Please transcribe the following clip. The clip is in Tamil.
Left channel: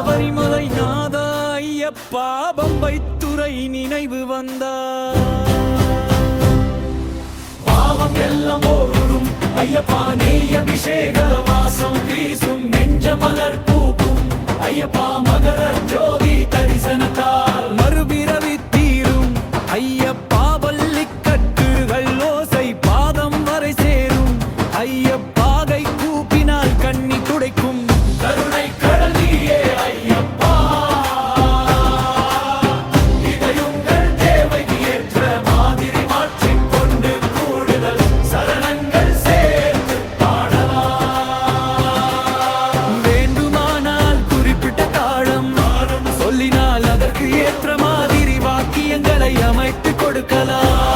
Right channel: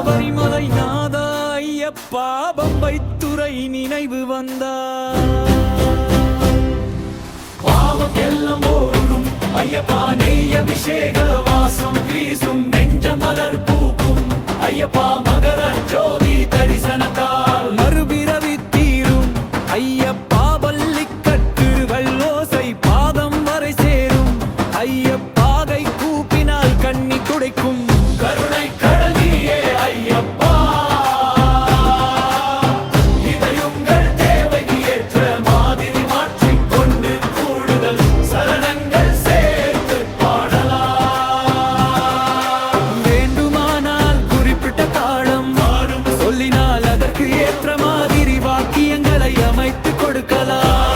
சபரிமலை நாதா ஐயப்பா பம்பை துறை நினைவு வந்தார். பாவம் எல்லாம் ஓடும் ஐயப்பா நெய் அபிஷேக வாசம் வீசும் நெஞ்ச மலர் பூக்கும் ஐயப்பா மகர ஜோதி தரிசனத்தால் மறுபிறவி தீரும் ஐயப்பா பள்ளிக்கட்டுகள் ஓசை பாதம் வரை சேரும் ஐயப்பாகை கூப்பினால் கண்ணி துடைக்கும் கருணை கடலியே ஐயப்பா. இதையுங்கள் தேவைக்கு ஏற்ற மாதிரி மாற்றிக்கொண்டு கூடுதல் சரணங்கள் சேர்த்து பாடலாம். வேண்டுமானால் குறிப்பிட்ட தாளம் சொல்லினால் அதற்கு ஏற்ற மாதிரி வாக்கியங்களை அமைத்து கொடுக்கலாம்.